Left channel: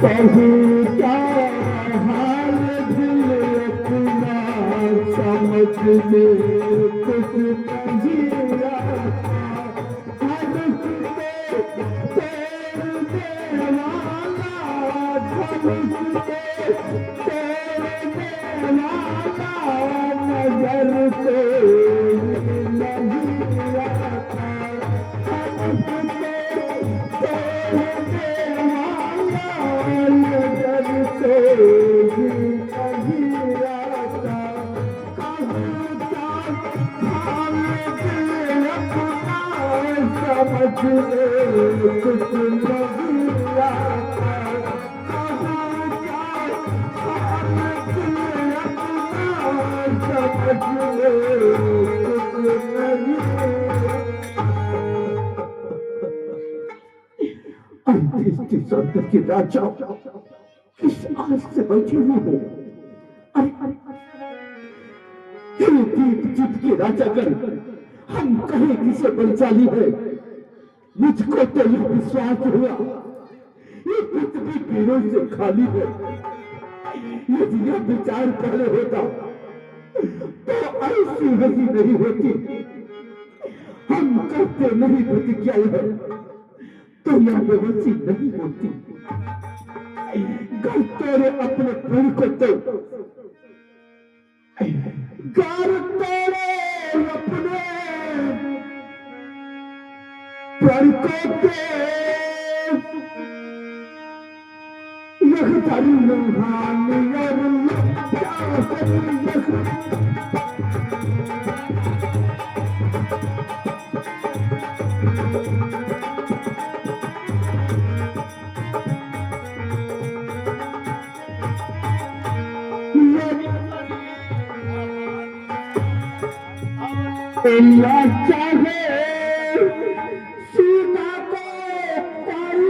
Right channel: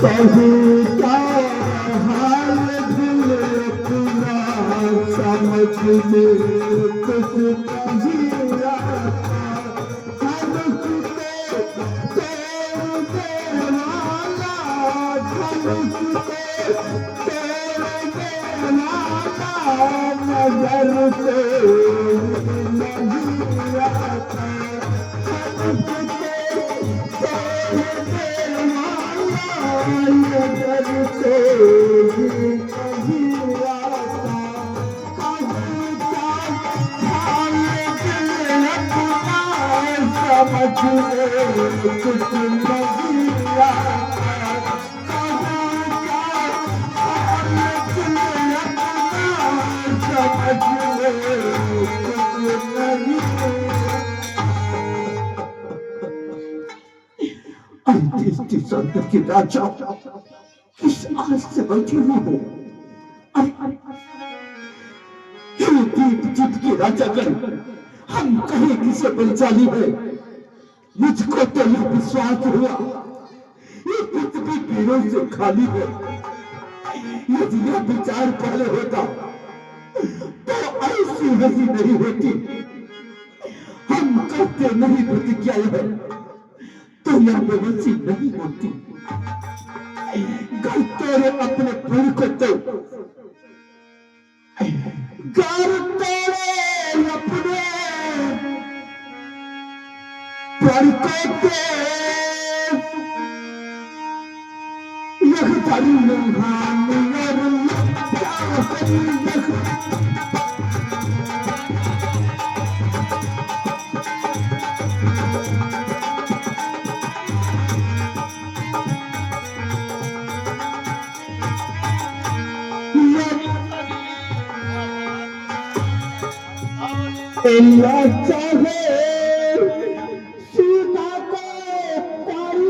कहूँ क्या हाल दिल अपना समझ में कुछ नहीं आता। हम तेरे वाला नजर से नहीं आता। कुछ नहीं सौंदर्य की राजा किस आस से बैठी हुई हो? दीप जीत की राजा कर हम कहीं किसे बलशाली है। मुझको तो यह विश्वास हुआ ये पृथ्वी कीड़ों से खाली है। यदि यह विचार पहले होता तो ऐसी हंसी नहीं होती। हम करते नहीं प्रतिज्ञा है तो यह बेबसी नहीं होती। घर तेरे अपने फूल को तो घर तेरे अपने फूल को तो यह तारी लुहानी अल्लाह चाहे सीता को पाई।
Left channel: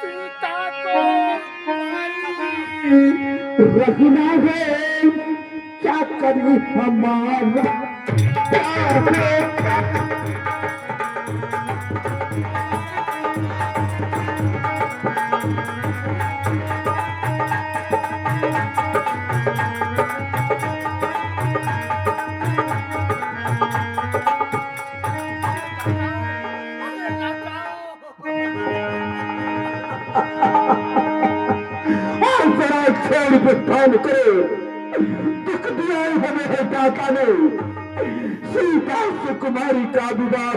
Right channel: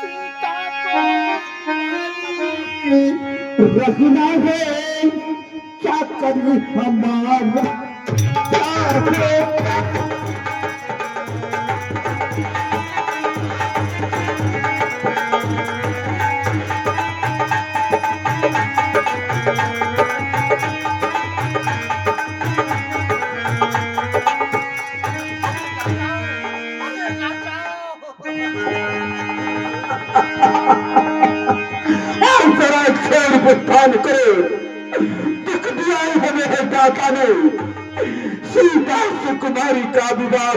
सीता को रखना है क्या करी हमारा भुगतान करो। दुख दिया हमें है दाता ने। सीता से कुमारी का विवाह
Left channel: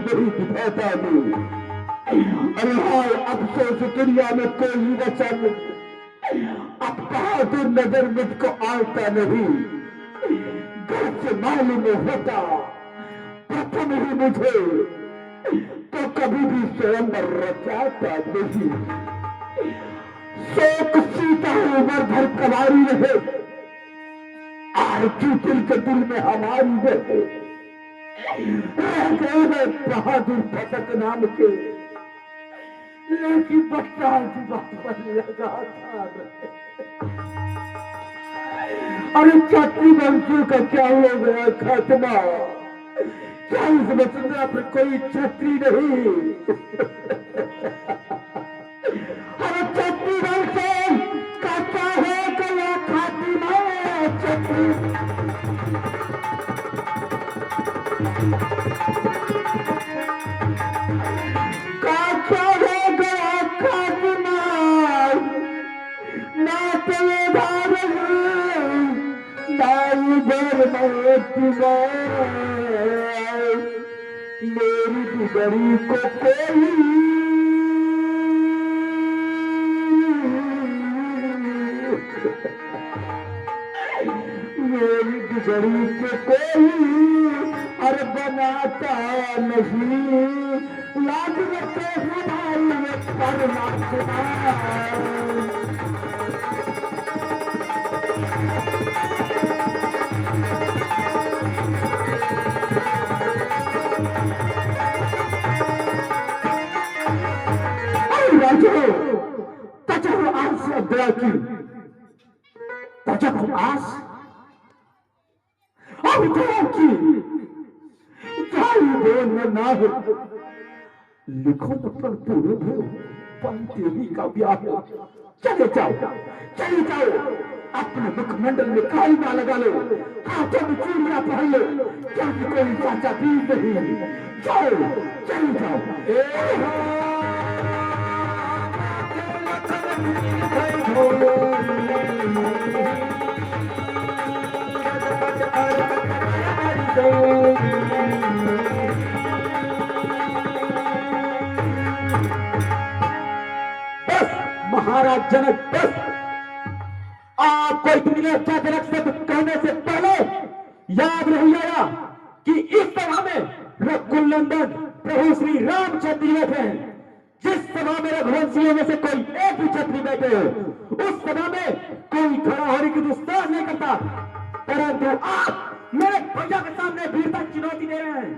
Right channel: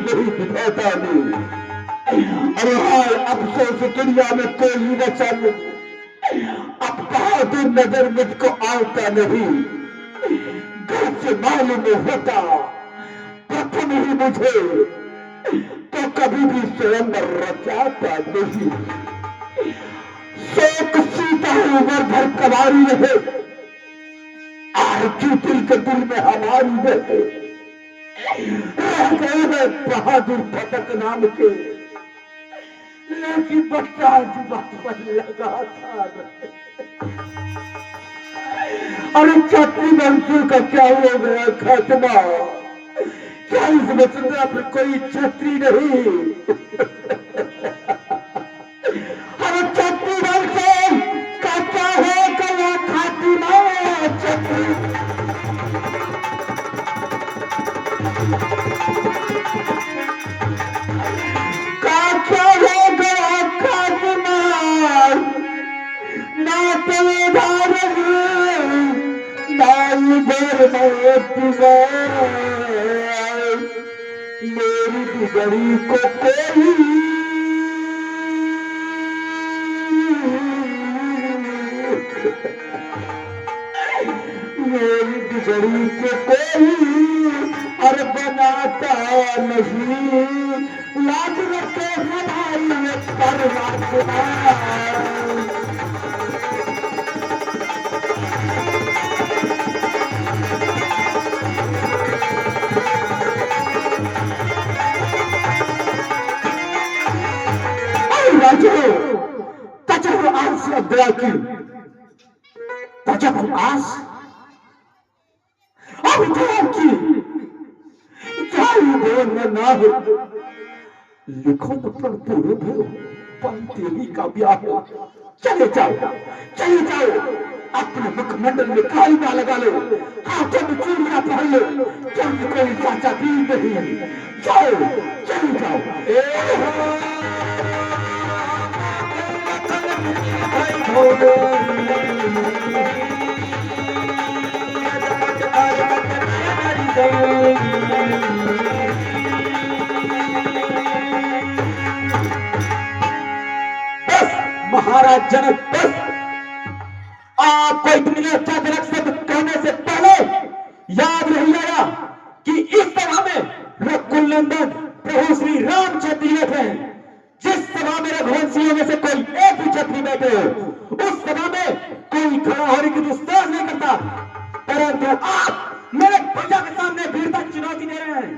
नहीं विधाता ने। अरे हाय अफसोस दुनिया में कोई वचन अब बहादुर नजर मुझको आता नहीं। घर से मालूम होता प्रथम ही मुझे तो कभी भी स्वयं रचाता नहीं। शोक सीता उम्र भर कवारी रहे आरती दिल के दिल में हमारी रहे। रह गए बहादुर फटक नाम के लेकिन बच्चा जुबान पर लगा था। अरे छत्री वंशों का क्या हुआ गया खात्मा? क्या इस वसुंधरा पर कोई छत्री नहीं? अरे छत्री वंशों का क्या है गया खात्मा? मेरी बिगड़ी को कोई मेरी बिगड़ी को कोई अरे बनाता नहीं। लाज रखे हमारी परमात्मा। Tajabu as नाश। अब की ना हो, लिखो तो पर पूर्व हो, देवी का ब्याह हो। चले जाओ, चले जाओ, अपने मुखमंडल में कालिमा लगा लो, हाथों में चूड़ियां पहन लो, क्योंकि कोई चाचा भी नहीं। जाओ, चले जाओ। बस महाराज जनक, बस आपको इतनी लज्जाजनक शब्द कहने से पहले याद नहीं आया कि इस सभा में रघुनंदन प्रभु श्री रामचंद्र जी बैठे हैं। जिस सभा में रघुवंशियों में से कोई एक भी क्षत्रिय बैठे हो, उस सभा में कोई खड़ा होने की दुस्साहस नहीं करता, परंतु आप मेरे भैया के सामने वीरता चुनौती दे रहे हैं।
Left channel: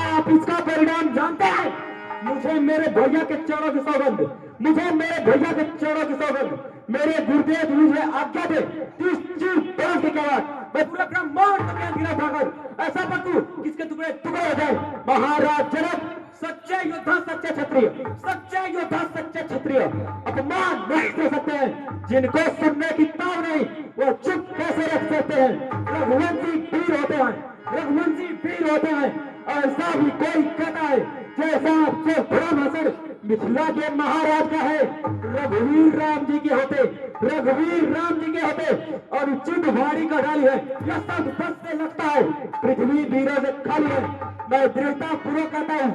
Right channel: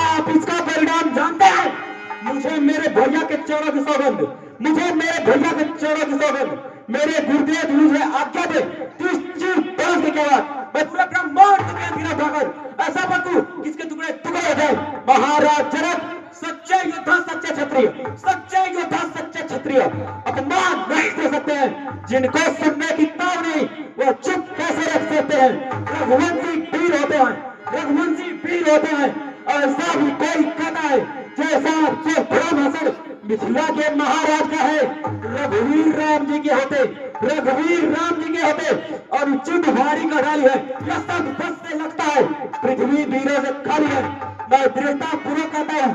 आप इसका परिणाम जानते हैं। मुझे मेरे भैया के चरणों की सौगंध, मुझे मेरे भैया के चरणों की सौगंध, मेरे गुरुदेव मुझे आज्ञा दे, 30 बरस के बाद मैं पूरा ब्रह्मांड के उठाकर ऐसा बंदू जिसके टुकड़े टुकड़े हो जाए। महाराज जनक सच्चे योद्धा, सच्चे क्षत्रिय, सच्चे योद्धा, सच्चे क्षत्रिय अपमान नहीं दे सकते हैं। जिनको सुनने की ताव नहीं, वो चुप कैसे रख सकते हैं। रघुवंशी वीर होते हैं, रघुवंशी वीर होते हैं। ऐसा भी कोई कहता है जैसा आपसे धर्म हसर मिथिला के महाराज का है, रघुवीर राम जी के होते, रघुवीर राम जी के होते और उचित भारी का डाली है। यह सब बस से लगता है, पृथ्वी वीरों से खाली है। मैं दृढ़ता पूर्वक कहता हूँ,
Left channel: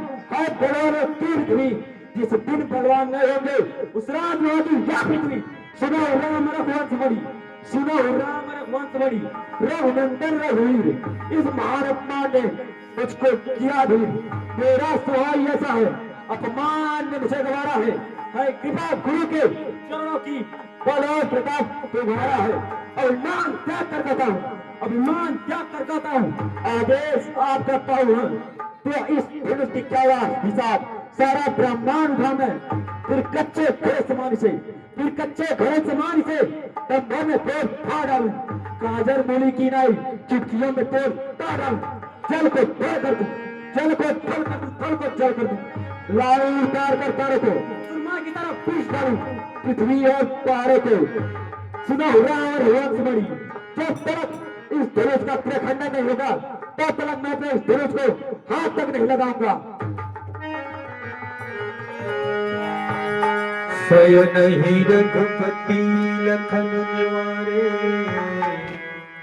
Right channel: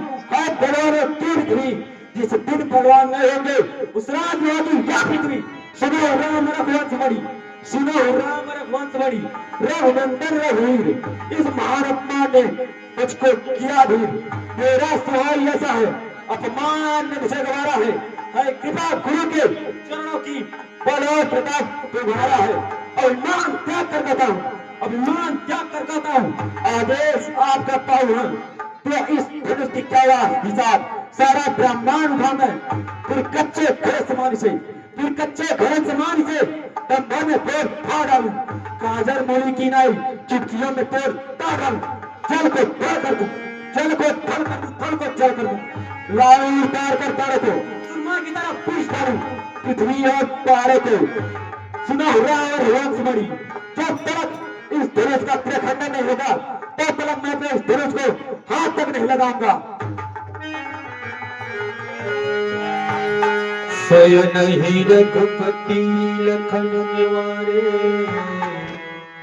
बलवान की पृथ्वी, जिस दिन बलवान नहीं होंगे उस रात में होगी यह पृथ्वी। सुनो राम रघुवंश बड़ी, सुनो राम रघुवंश बड़ी, रघुनंदन रघुवीर, इस महात्मा ने मुझको किया भी। मेरा सहाय ऐसा है, अपमान ने मुझे गवारा है कृपा गुरु के चरणों की बल और प्रताप तुम्हारा है। अभिमान त्याग कर कहता हूँ, अभिमान त्याग कर कहता हूँ, आदेश आपका पाऊ है। तो इस धनुष की क्या हिसाब सारा ब्रह्मांड भान है। फिर कच्चे घोड़े समान से, फिर कच्चे घोड़े समान से तब मैं तोड़ फाड़ डालू, काजर मूली की नाई चुटकियों में तोड़ ताड़ डालू, जल को तोड़ कर दूं, जल को थल कर दूं, थल को जल कर दूं, लाऊ उतार कर तारे को सुरमा की तरह पीस डालू, पृथ्वी और तारे को। सुनो और वंश बड़ी, जब तक इस धनुष का त्रिखंडन नहीं होगा तब तक मैं अपने इस धनुष को हाथ तक नहीं लगाऊंगा। शयन ही रघुपति लखन निवारे,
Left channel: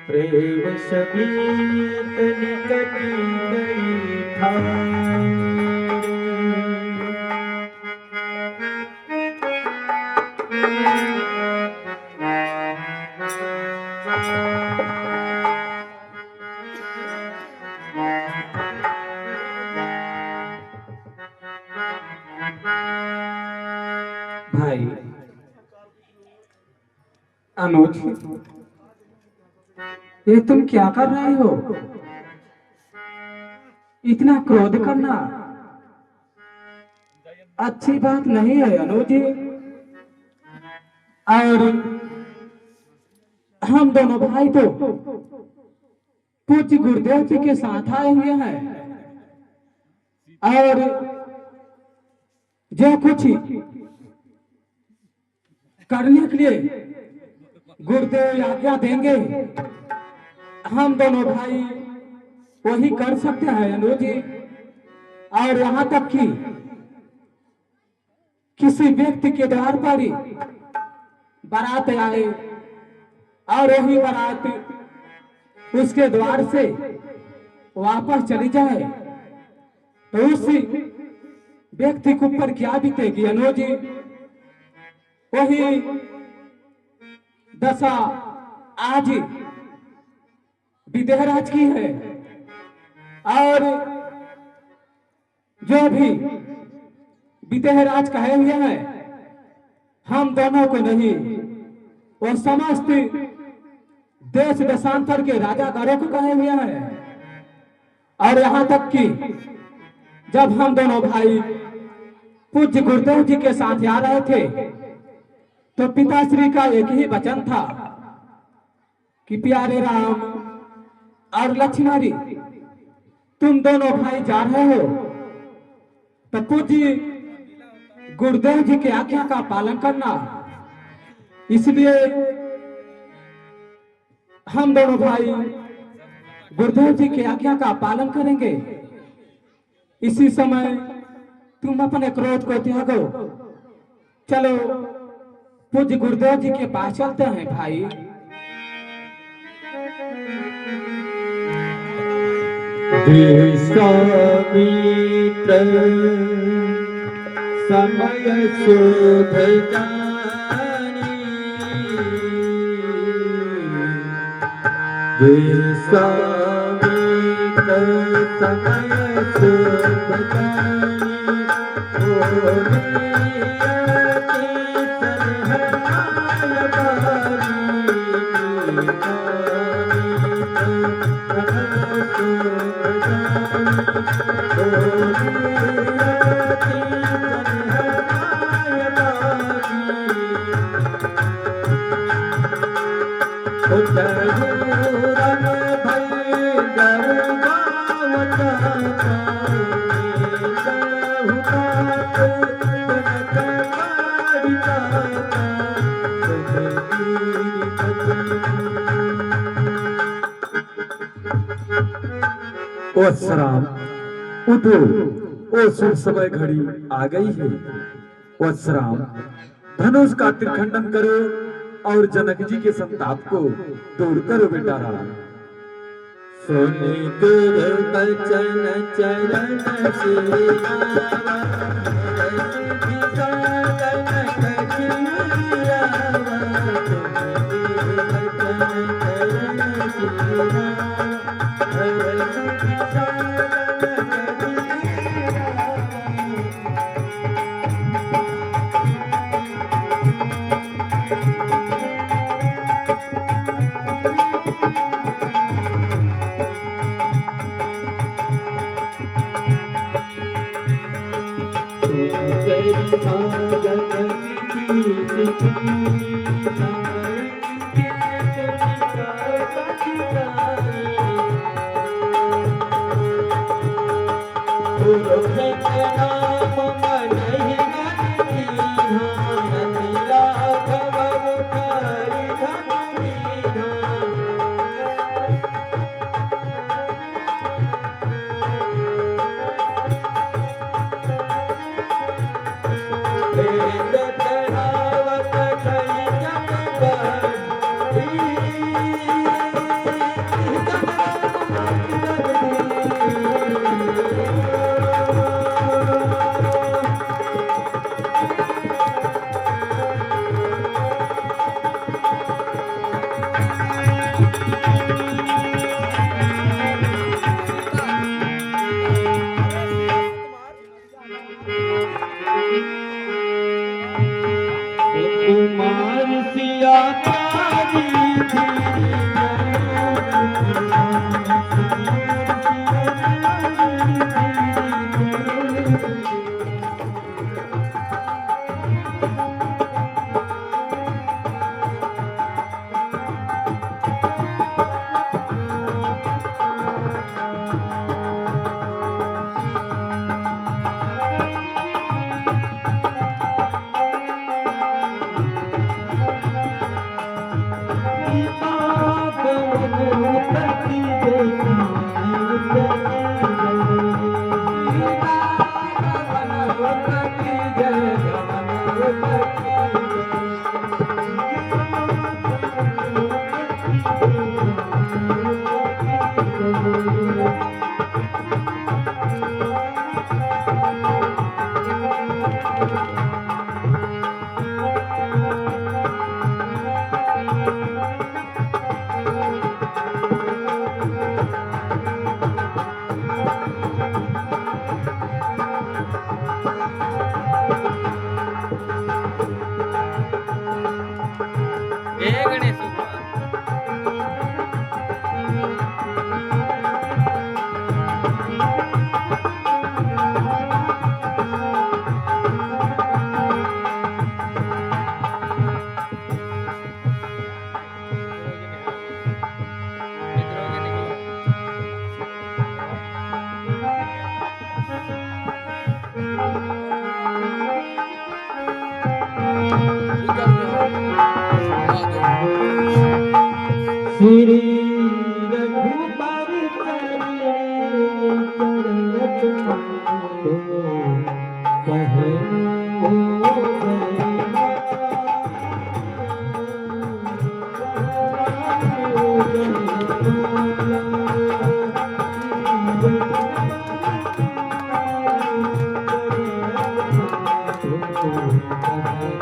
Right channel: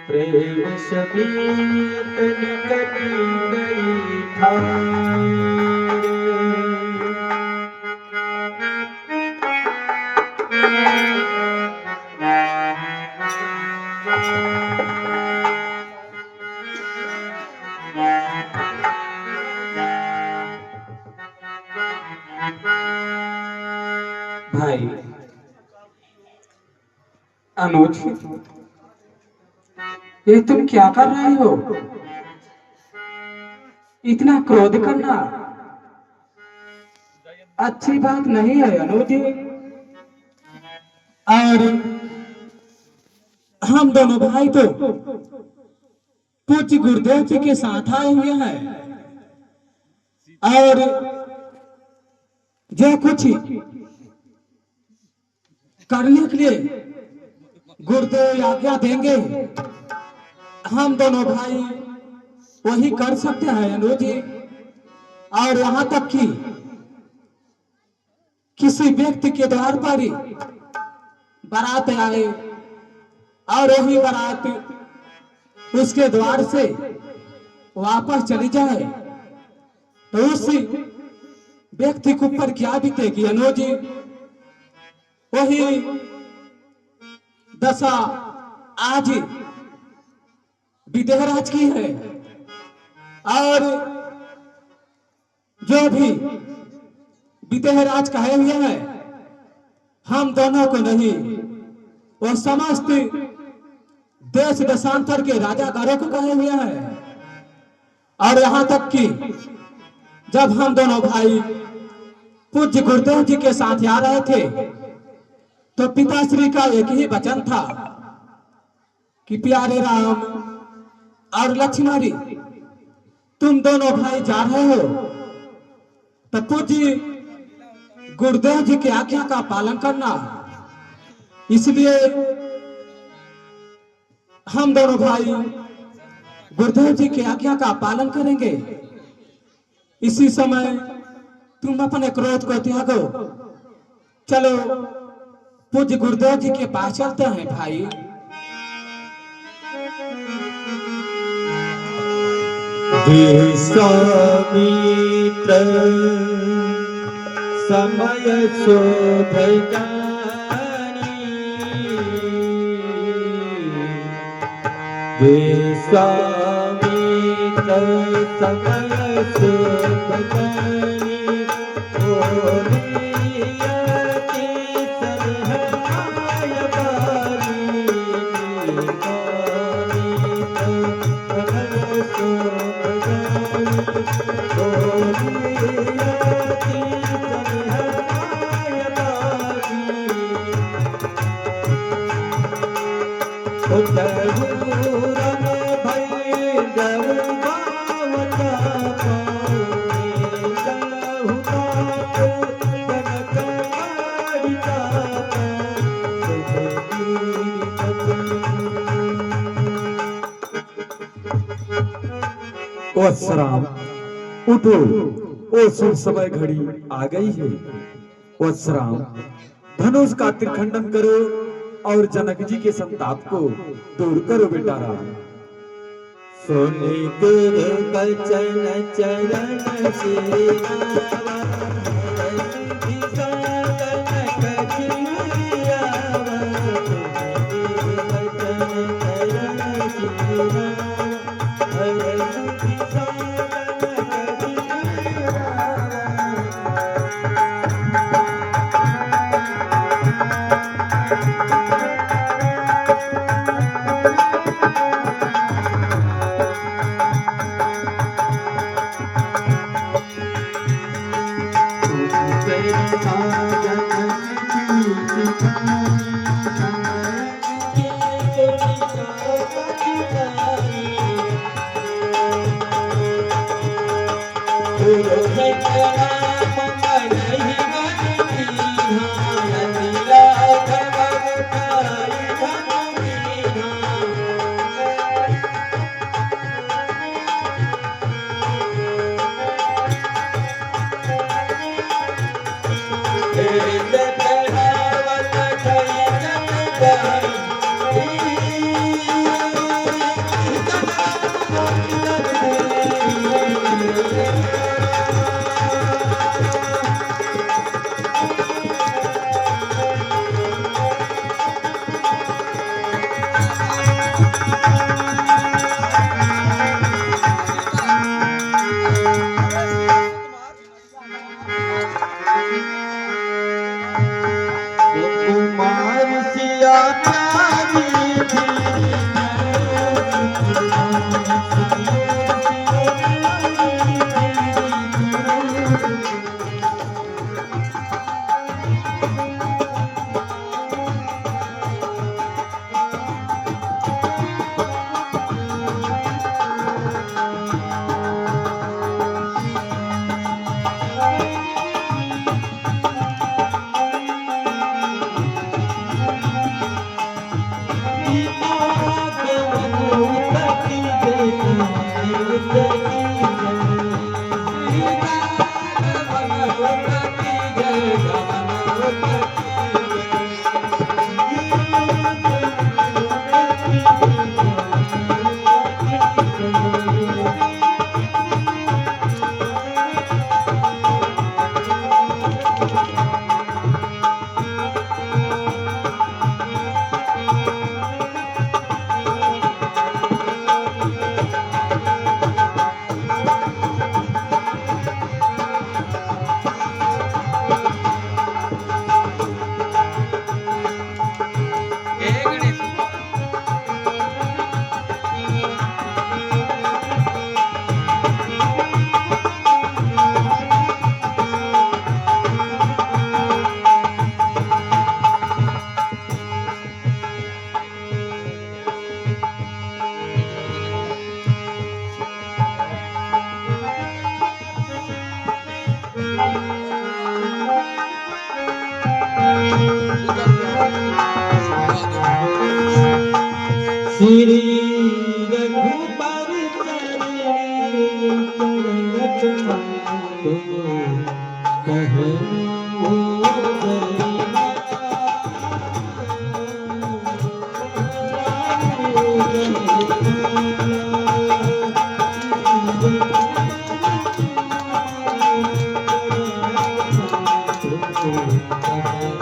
प्रेम समीप निकट गई ठारे। भाई अनुज, ये तुम क्या कर रहे हो? इतना क्रोध करना अच्छी बात नहीं है अनुज। और हम दोनों भाई तो पूज्य गुरुदेव जी के साथ आए हुए हैं और जो कुछ करने के लिए गुरुदेव आज्ञा देंगे हम दोनों भाई वही कर सकते हैं अनुज जी। और यहाँ तक कि किसी व्यक्ति के द्वार पर ही बारात आए और वही बारात उसके द्वार से वापस चली जाए तो उस व्यक्ति के ऊपर क्या बीतेगी अनुज जी? वही दशा आज विदेहराज की है। और जो भी विदेहराज कहे हुए हैं हम दोनों को नहीं, वो समस्त देश देशांतर के राजागारों को कहे हुए हैं। और यहाँ तक कि जब हम दोनों भाई पूज्य गुरुदेव जी के साथ आ रहे थे तो पिताश्री का एक ही वचन था कि प्यारे राम और लक्ष्मणी तुम दोनों भाई जा रहे हो तो पूज्य गुरुदेव जी की आज्ञा का पालन करना। इसलिए हम दोनों भाई गुरुदेव जी की आज्ञा का पालन करेंगे। इसी समय तुम अपने क्रोध को त्यागो, चलो पूज्य गुरुदेव जी के पास चलते हैं भाई। विश्वामित्र समय शोध जानी, विश्वामित्र समय शोध जानी, ओलियति सरहमाय बारी, वत्सराम उठो, ओ शुभ समय घड़ी आ गई है। वत्सराम धनुष का त्रिखंडन करो और जनक जी के संताप को दूर करो बेटा राम। सुनि गुरु बचन चरण सेवा, श्री रघुबर चरण